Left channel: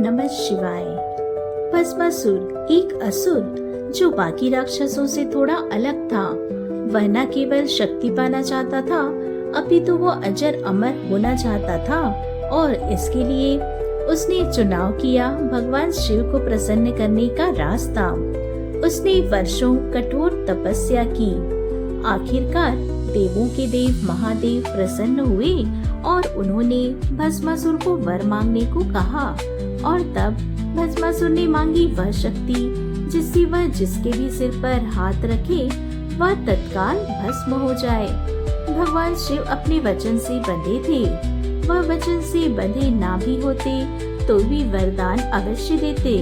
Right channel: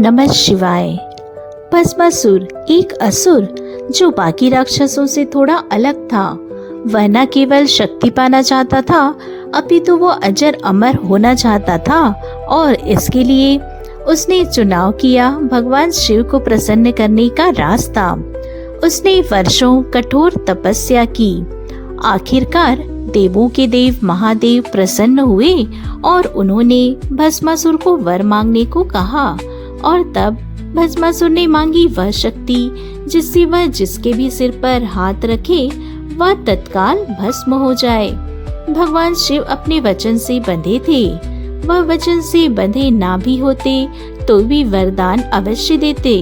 नमः शिवाय। भस्मासुर एक असुर जो बाकी राक्षसों से थोड़ा अलग था। वह न केवल शक्ति पाना चाहता था, अपितु वो अजर अमर होना चाहता था और इसके लिए उसने चुनाव किया भगवान शिव को प्रसन्न करने का रास्ता। उसने वर्षों कठोर तपस्या की। आखिरकार देवों के देव महादेव प्रसन्न हुए और उन्होंने भस्मासुर को वर मांगने को कहा। और तब भस्मासुर ने मांगी वह शक्ति जिससे वह जिसके भी सिर पर हाथ रखे वह तत्काल भस्म हो जाए। भगवान शिव अपने वचन से बंधे थे। वह वचन से बंधे ना भी होते तो भी वरदान अवश्य देते,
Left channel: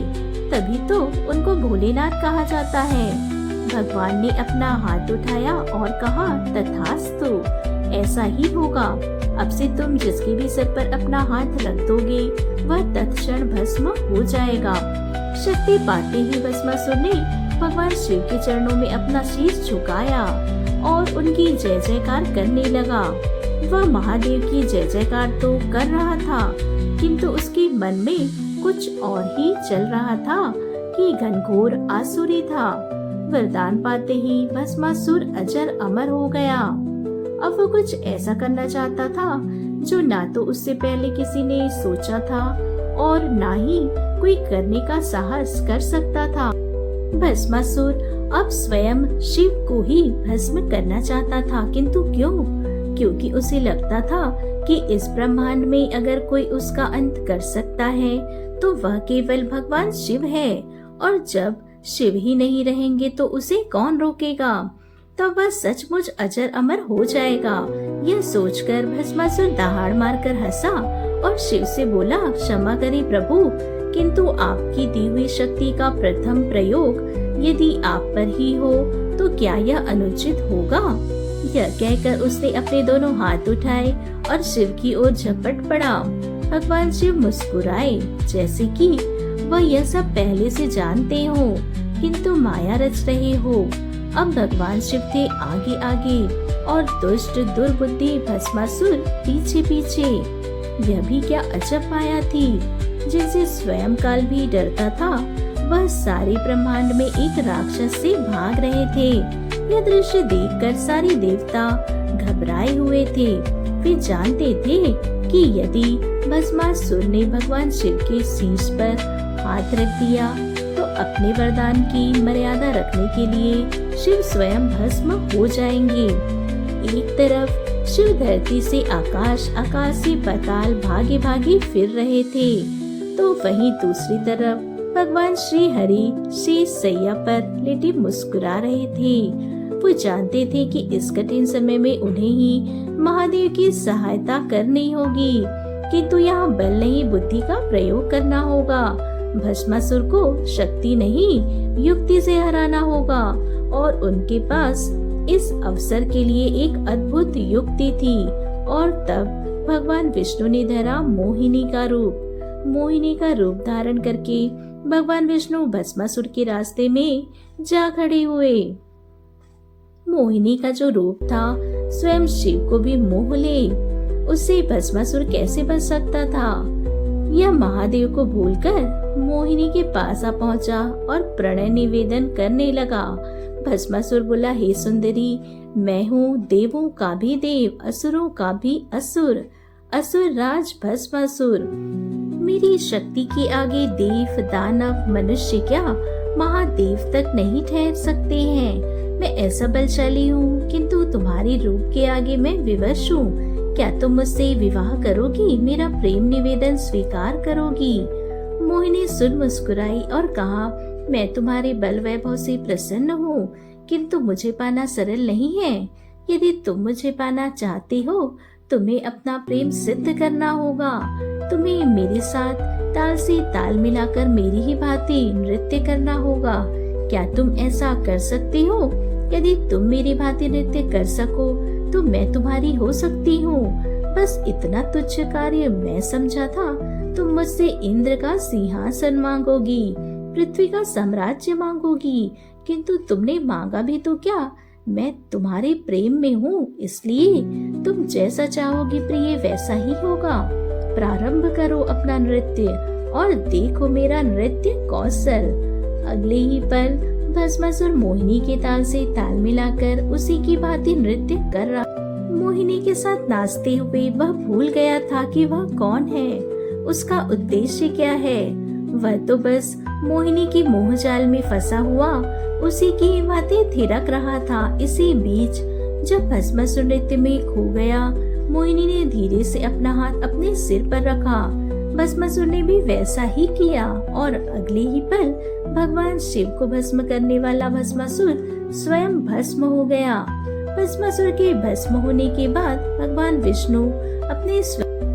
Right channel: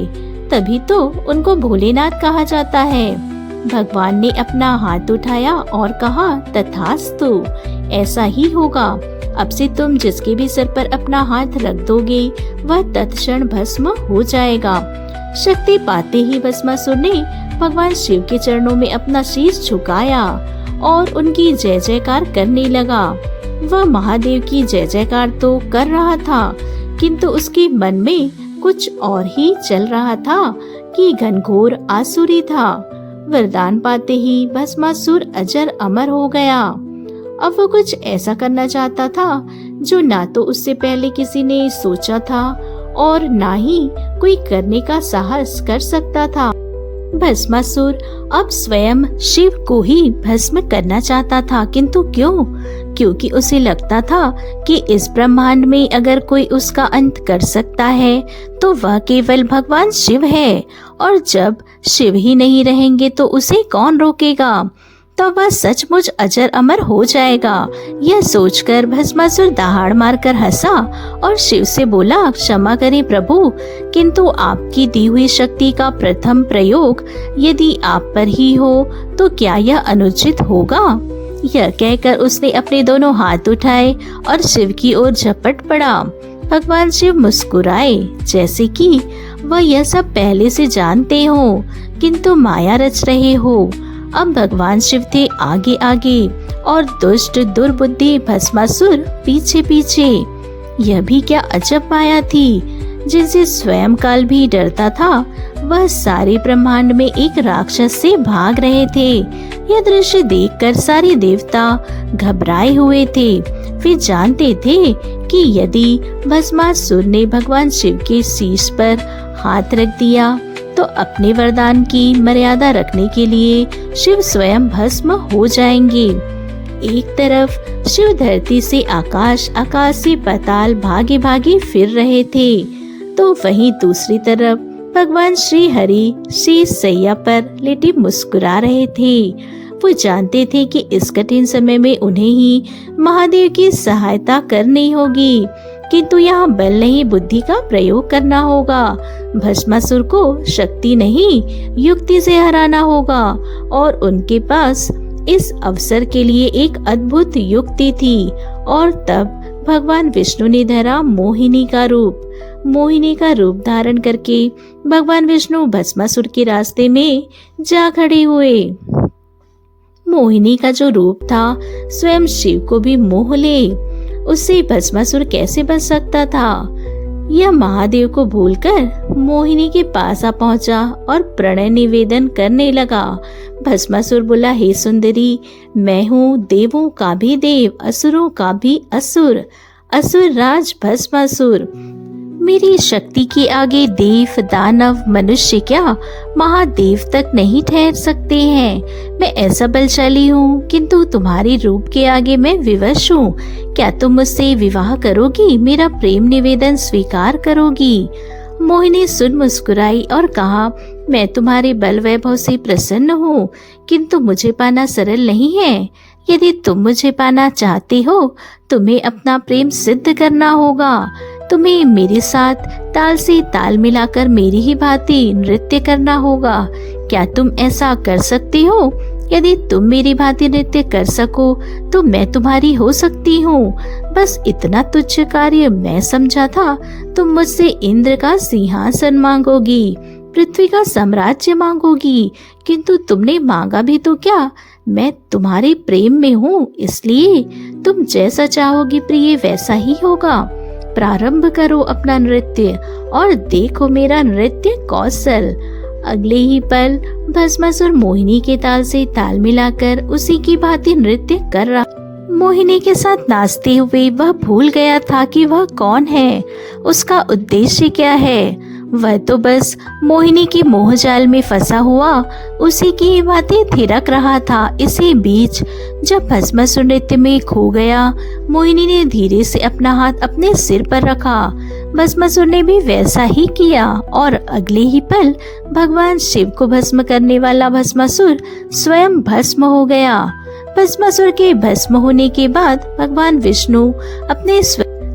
तभी तो उनको भोलेनाथ कहा जाता है। भगवान ने अपना हाथ उठाया और कहा, तथास्तु, ऐसा ही होगा। अब से तुम जिसके भी सिर पर अपना हाथ रख दोगे वह तत्क्षण भस्म हो जाएगा। शक्ति पाते ही भस्मासुर ने भगवान शिव के चरणों में अपना शीश झुकाया और उनकी जय जयकार करने लगा। वह महादेव की जय जयकार तो कर रहा था, किंतु उसके मन में कुछ और ही चल रहा था कि घनघोर आसुरी था। वरदान पाते ही भस्मासुर अजर अमर हो गया। अब वो कुछ ऐसा करना चाहता था जो ना तो उससे पहले किसी ने सोचा था और ना ही कोई करने का साहस कर सकता था। भस्मासुर अब स्वयं शिव को ही भस्म करना चाहता था, किंतु क्यों? क्योंकि उसे लगता था कि इस ब्रह्मांड में अगर कोई उसका अंत कर सकता है तो वह केवल भगवान शिव है, और जब शिव ही नहीं रहेंगे तो उसे कौन रोकेगा? तो वह सचमुच अजर अमर हो जाएगा। यह सोचकर भस्मासुर दहाड़ मारकर हंसा और शिव से बोला, क्षमा करें प्रभु, किंतु आपकी दी हुई शक्ति का प्रथम प्रयोग यदि आप पर ही हो तो क्या यह अनुचित होगा? यह कहकर उसने अपने दोनों हाथ उठाए और शिव की ओर झपट पड़ा। भगवान शिव मुस्कुराए, जैसे कि वह यह सब पहले से जानते हो, किंतु माया रच रहे हो। अब भगवान शिव थे आगे आगे और दुष्ट दुर्बुद्धि भस्मासुर पीछे पीछे। यह भी क्या अजब माया थी, जिनसे स्वयं काल भी डरता था। वह सारे ब्रह्मांड में एक राक्षस से भाग रहे थे। यह दृश्य देखकर सारे देवता घबराए हुए थे। वे जानते थे कि यदि भस्मासुर ने भगवान शिव के शीश पर हाथ रख दिया तो अपने वरदान की मर्यादा रखने के लिए शिव स्वयं भस्म हो जाएंगे। एक तरफ शिव धरती से आकाश, आकाश से पाताल भागे भागे फिर रहे थे, तो वहीं दूसरी तरफ भगवान श्री हरि शेष सैया पर लेटे मुस्कुरा रहे थे। वो जानते थे कि इस कठिन समय में उन्हें ही महादेव की सहायता करनी होगी, किंतु यहाँ बल नहीं बुद्धि का प्रयोग करना होगा। भस्मासुर को शक्ति नहीं युक्ति से हराना होगा, और उनके पास इस अवसर के लिए एक अद्भुत युक्ति थी। और तब भगवान विष्णु ने धरा मोहिनी का रूप। मोहिनी का रूप धारण करके भगवान विष्णु भस्मासुर के रास्ते में जा खड़े हुए। मोहिनी का जो रूप था स्वयं शिव को भी मोह ले। उससे भस्मासुर कैसे बच सकता था? यह महादेव को भूलकर मोहिनी के पास आ पहुंचा और प्रणय निवेदन करने लगा। भस्मासुर बोला, हे सुंदरी, मैं हूँ देवों का भी देव, असुरों का भी असुर, असुर राज भस्मासुर। मेरी शक्ति के आगे देव, दानव, मनुष्य क्या महादेव तक नहीं ठहर सकते हैं। मैं ऐसा बलशाली हूँ, किंतु तुम्हारे रूप के आगे मैं विवश हूँ। क्या तुम मुझसे विवाह करोगी? मेरा प्रेम निवेदन स्वीकार करोगी? मोहिनी सुन मुस्कुराई और कहा, मैं तुम्हारे बल वैभव से प्रसन्न हूँ, किंतु मुझे पाना सरल नहीं है। यदि तुम मुझे पाना चाहते हो तुम्हें अपना प्रेम सिद्ध करना होगा। तुम्हें मेरे साथ ताल से ताल मिलाकर मेरी ही भांति नृत्य करना होगा। क्या तुम ऐसा कर सकती हो? यदि तुम मेरी भांति नृत्य कर सको तो मैं तुम्हारी हो सकती हूँ। बस इतना तुच्छ कार्य मैं समझा था। तुम मुझसे इंद्र का सिंहासन मांगोगी, पृथ्वी का साम्राज्य मांगोगी, किंतु तुमने मांगा भी तो क्या? मैं तुम्हारे प्रेम में हूँ, इसलिए तुम जैसा चाहोगी प्रिय वैसा ही होगा। प्रारंभ करो अपना नृत्य और देखो मेरा नृत्य कौशल। अगले ही पल भस्मासुर मोहिनी के ताल से ताल मिलाकर उसी की भांति नृत्य कर रहा। मोहिनी के साथ नाचते हुए वह भूल गया था कि वह कौन है, उसका उद्देश्य क्या है। वह तो बस मोहिनी की मोहजाल में फंसा हुआ उसी की बातें थिरक रहा था। इसी बीच जब भस्मासुर नृत्य में खो गया, मोहिनी ने धीरे से अपना हाथ अपने सिर पर रखा। भस्मासुर ने भी वैसा ही किया और अगले ही पल भगवान शिव को भस्म करने वाला भस्मासुर स्वयं भस्म हो गया। भस्मासुर के भस्म होने के बाद भगवान विष्णु अपने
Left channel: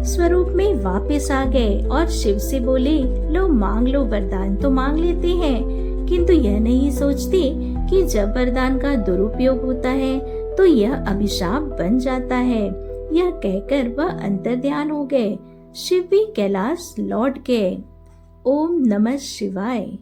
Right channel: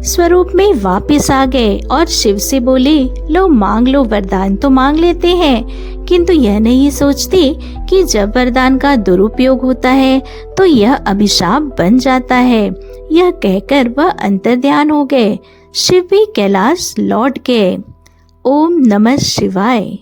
स्वरूप में वापस आ गए और शिव से बोले, लो मांग लो, वरदान तो मांग लेते हैं, किंतु यह नहीं सोचते कि जब वरदान का दुरुपयोग होता है तो यह अभिशाप बन जाता है। यह कहकर वह अंतर्ध्यान हो गए। शिव भी कैलाश लौट गए। ओम नमः शिवाय।